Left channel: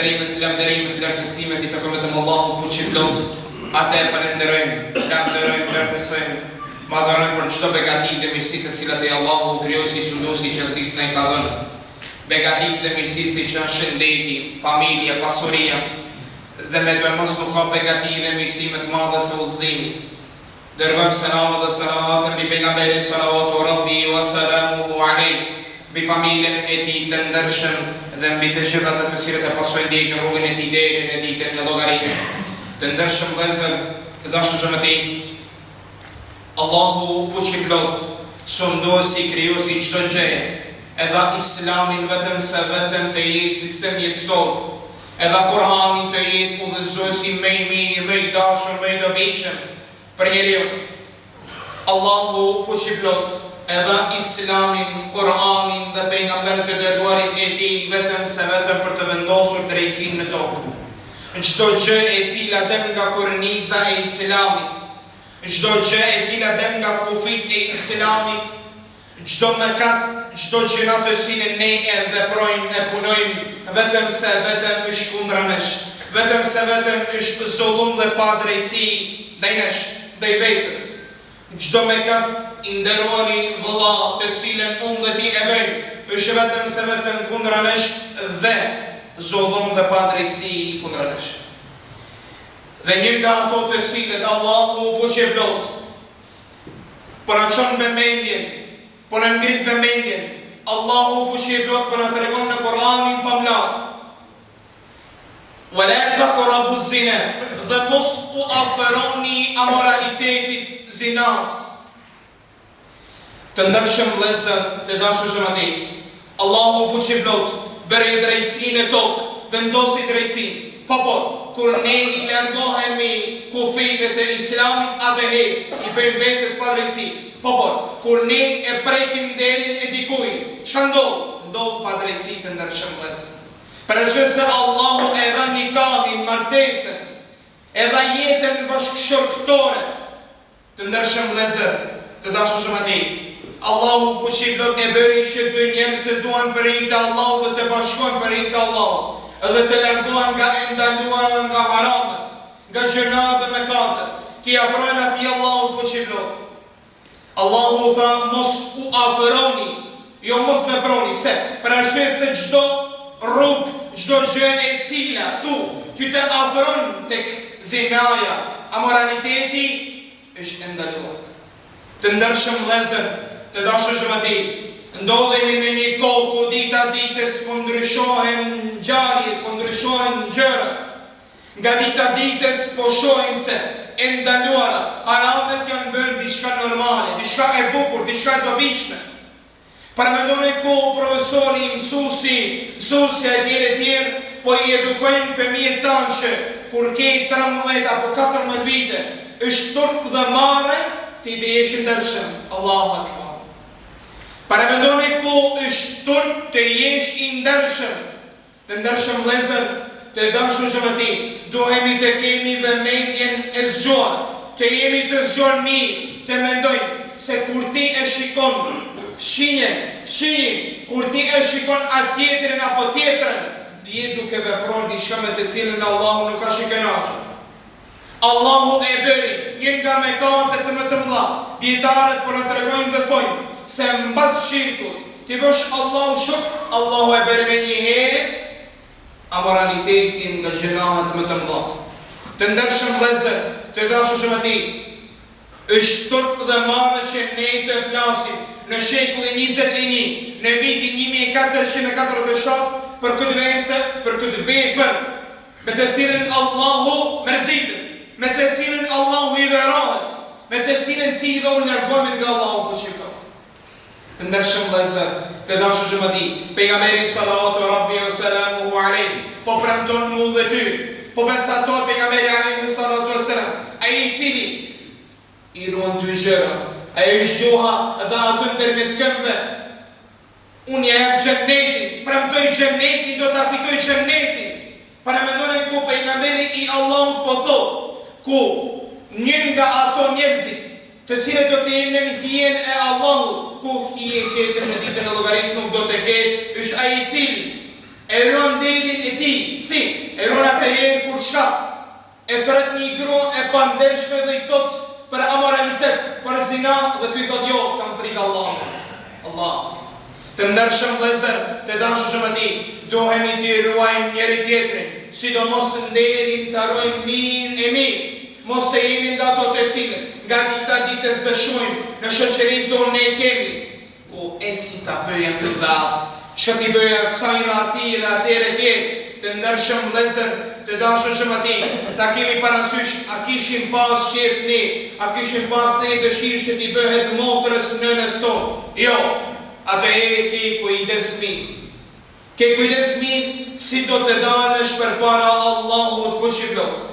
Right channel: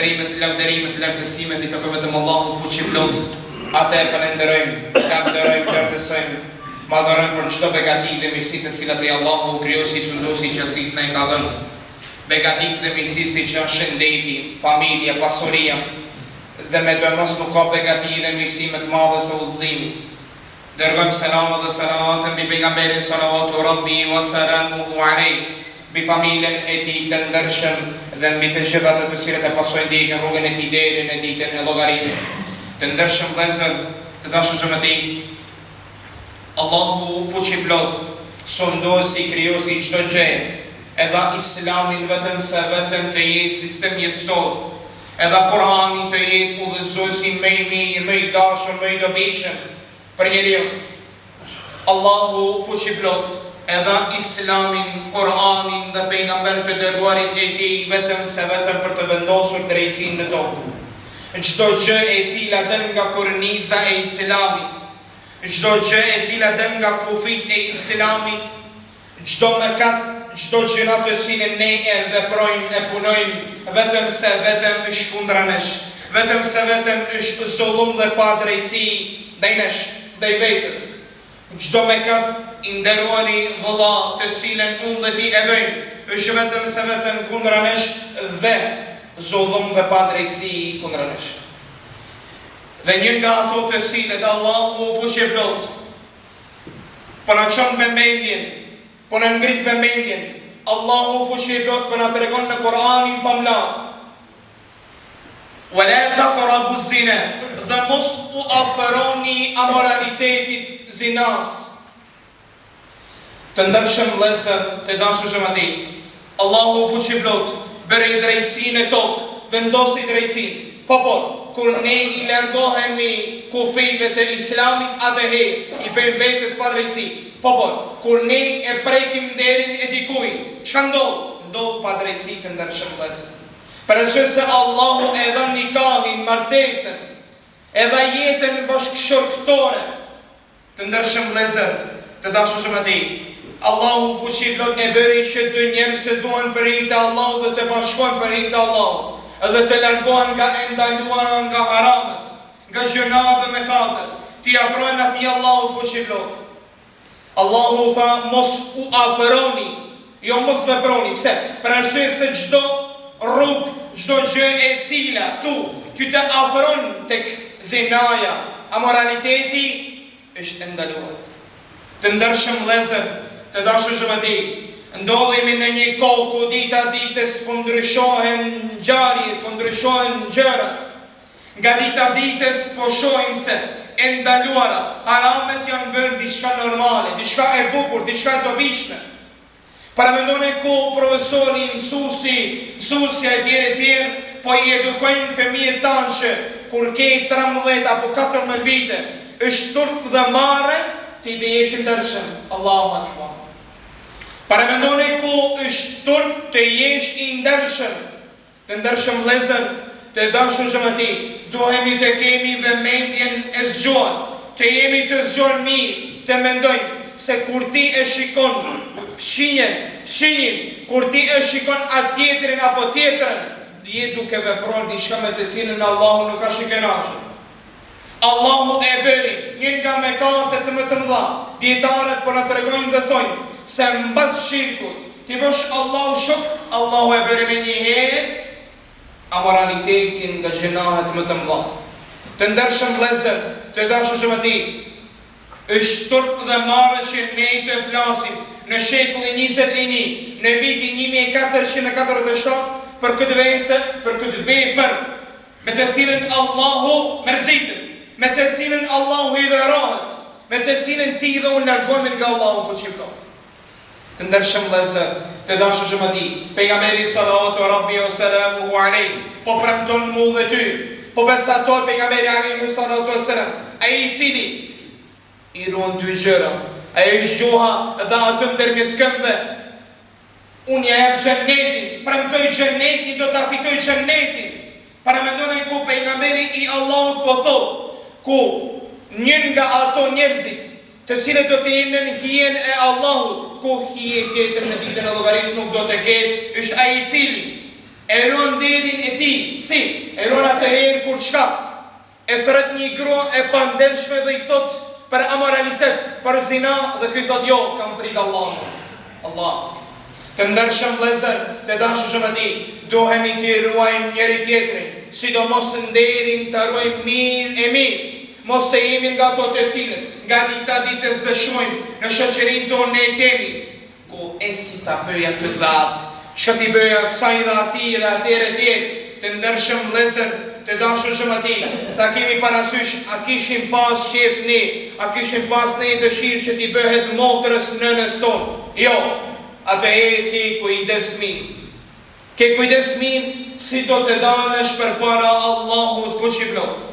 Falënderimet, lavdërimet, lartësimet i takon vetëm Allahut fuqiplot. Atë e falenderojmë, lavdërojmë, lartësojmë, madhërojmë për çdo begati dhe mirësi të cilat e Allahu krijosi, sunduesi, qërsisë na i ka dhënë. Begati dhe mirësi që janë shëndeti, familja, pasuria, dhe me të mos nuk ka begati dhe mirësi më të madhe se udhëzimi. Dërgojmë selamat dhe salavatën mbi pejgamberin sallallahu rabbi wa salamuhu alejhi, mbi familjen e tij të ndershëm dhe mbi të gjitha të cilët e pasojnë ndjekën rrugën e tij deri në ditën e llogarisë. Të ndershëm vëllezër, të dashur xhamati, Allahu fuqiplot, sonduesi, krijuesi çdo gjë, e dha Islamin vetëm të jetë sistem jetësor, e dha Kur'anin të jetë udhëzuesi më i mirë, më i dashur, më i dobishëm për njeriu. Allahu fuqiplot e dha Islamin, Kur'anin dhe pejgamberët e dërguarit e tij vetëm për të vendosur drejtsinë në tokë. Çdo gjë e cila del nga korniza e Islamit, çdo gjë e cila del nga kufit e Islamit, çdo mëkat, çdo gjëra të cilën ne e veprojmë, e punojmë, vetëm është kundra nesh, vetëm është zullum dhe pa drejtësi ndaj nesh, ndaj vetes. Çdo mëkat i nderuari vëlla, të cilën unë dhe ti e bëjmë, është vetëm kundra nesh dhe zullum dhe pa drejtësi kundra nesh. Dhe një nga ato të cilët Allahu fuqiplot, po na çon vëmendjen, po na ngrit vëmendjen, Allahu fuqiplot po na tregon në Kur'anin famlar. Wala taqrabu zina, dhe mos u afroni amoralitetit zinas. Të ndershëm vëllezër, të dashur xhamati, Allahu fuqiplot bëri drejtsinë e tokë, vendosi drejtsinë. Po, kur ne i largohemi kufive të Islamit, atëherë i bëjmë vetes pa drejtësi. Po, kur ne e prekim derin e dikujt, çka ndodh? Ndodh pa drejtësi të ndershëm vëllezër. Për arsye se Allahu e dha nikahin, martesën, e dha jetën bashkëshortore. Të ndershëm vëllezër, të dashur xhamati, Allahu fuqiplot e bëri që dy njerëz të duan për hir të Allahut dhe të bashkohen për hir të Allahut, edhe të largohen nga ndaluara, nga haramet, nga gjërat dhe mëkatet, t'i afrojnë atij Allahut fuqiplot. Allahu tha mos u afroni, jo mos veproni. Pse? Për arsye se çdo rrugë, çdo gjë e cila ty të afron tek zinaja, amoraliteti, është ndaluar. Të ndershëm vëllezër, të dashur xhamati, ndodhemi në një kohë ku dita ditës po ndryshohen ngjarjet, po ndryshohen gjërat. Nga dita ditës po shohim se e ndaluara, haramet janë bërë diçka normale, diçka e bukur, diçka e dobishme. Para mendoni ku profesori, mësuesja e tjerë, po i edukojnë fëmijët tanë që kur ke 13 apo 14 vite, është turp dhe marrë, ti të jesh i ndershëm. Allahu akbar. Para mendoni ku është turp të jesh i ndershëm. Të ndershëm vëllezër, të dashur xhamati, duhemi të kemi vëmendjen e zgjuar, të jemi të zgjuar mirë, të mendojmë se kur ti e shikon fshinjen, kur ti e shikon atë tjetrin apo tjetrën, je duke vepruar diçka me të cilën Allahu nuk ka shikënaqur. Allahu e bëri një nga mëkatet më të mëdha. Dietarët po na tregojnë dhe thonë se mbas shirkut ti bësh Allahu shok, Allahu e bëri me një herë amoralitetin nga gjërat më të mëdha. Të ndershëm vëllezër, të dashur xhamati, është turp dhe marrë që ne të flasim në shekullin 21, në vitin 1447 për këtë vepër me të cilën Allahu mërzitet, me të cilën Allahu i dhërohet, me të cilën ti dhe unë largohemi nga Allahu fuqiplot. Të ndershëm vëllezër, të dashur xhamati, pejgamberi sallallahu rabbi wa salamuhu alejhi po premton mu dhe ty, po besator pejgamberi alejhi sallallahu wasallam, ai i cili i ruan dy gjëra, ai është gjuha dhe atë ndërmjet këmbëve. Unë ja jap xhenetin, premtoj xhenetin, do ta fitoj xhenetin. Para mendoni ku pejgamberi i Allahut po thotë, ku një nga ato njerëzit të cilët do të jenë në hijen e Allahut, ku hije tjetër në ditën e llogarisë nuk do të ketë, është ai i cili e ruan nderin e tij. Si? E ruan atëherë kur çka? E thret një grua e pandelshme dhe i thot për amoralitet, për zina, dhe ky thot jo, kam frikë Allah. Të ndershëm vëllezër, të dashur xhamati, duhemi të ruajmë njëri tjetrin, sidomos nderin të ruajmë mirë. Mos të jemi nga ato të cilët nga dita ditës dëshmojmë në shoqërinë tonë ne kemi ku esi ta bëja këtë datë, çka ti bëja kësaj dhe atij dhe atëre tjerë. Të ndershëm vëllezër, të dashur xhamati, ta kemi parasysh, a kishim pas qef ne, a kishim pas ne dëshirë që ti bëhet motrës nënës tonë? Jo, atëherë ke kujdes mirë si do të dalësh përpara Allahut fuqiplot.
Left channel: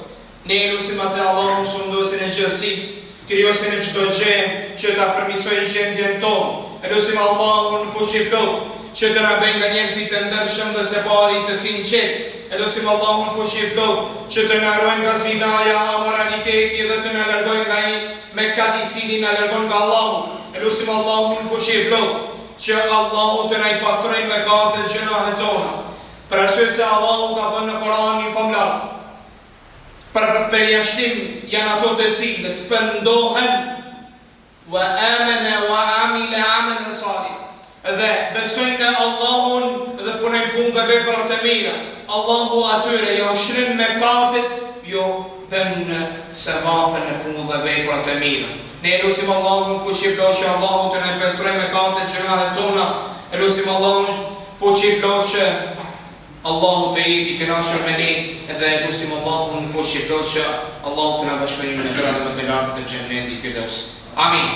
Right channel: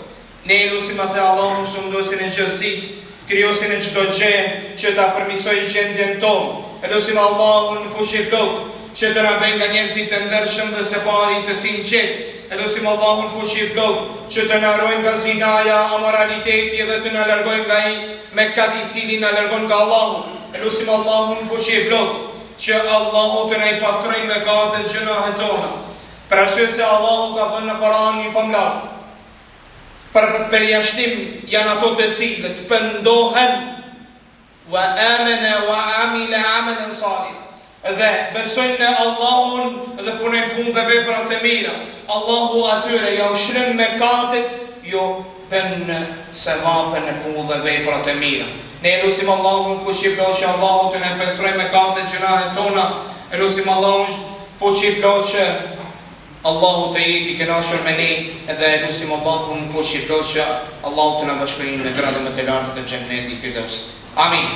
Ne lusim atë Allahun sunduesin e gjërësisë, krijuesin e çdo gjë, që ta përmirësojë gjendjen tonë. E lusim Allahun fuqiplot që të na bëjë nga njerëzit të ndershëm dhe së pari të sinqert. E lusim Allahun fuqiplot që të na ruajë nga zinaja, amoraliteti dhe të na largojë nga ai mëkat i cili na largon nga Allahu. E lusim Allahun fuqiplot që Allahu të na i pastrojë mëkatet e gjunahet tona. Për arsye se Allahu ka thënë në Kur'anin famlar, për përjashtim janë ato të cilët pendohen wa amana wa amila amalan salih, dhe besojnë në Allahun dhe punojnë punë dhe vepra të mira. Allahu atyre jo shërben mëkatet, jo bën sevapën në punë dhe vepra të mira. Ne lusim Allahun fuqiplot që Allahu të na pastrojë mëkatet e gjunahet tona. E lusim Allahun fuqiplot që Allahu të jeti kënaqur me ne, dhe lusim Allahun fuqiplot që Allahu të na bashkojë në gradën më të lartë të xhennetit Firdaus. Amin.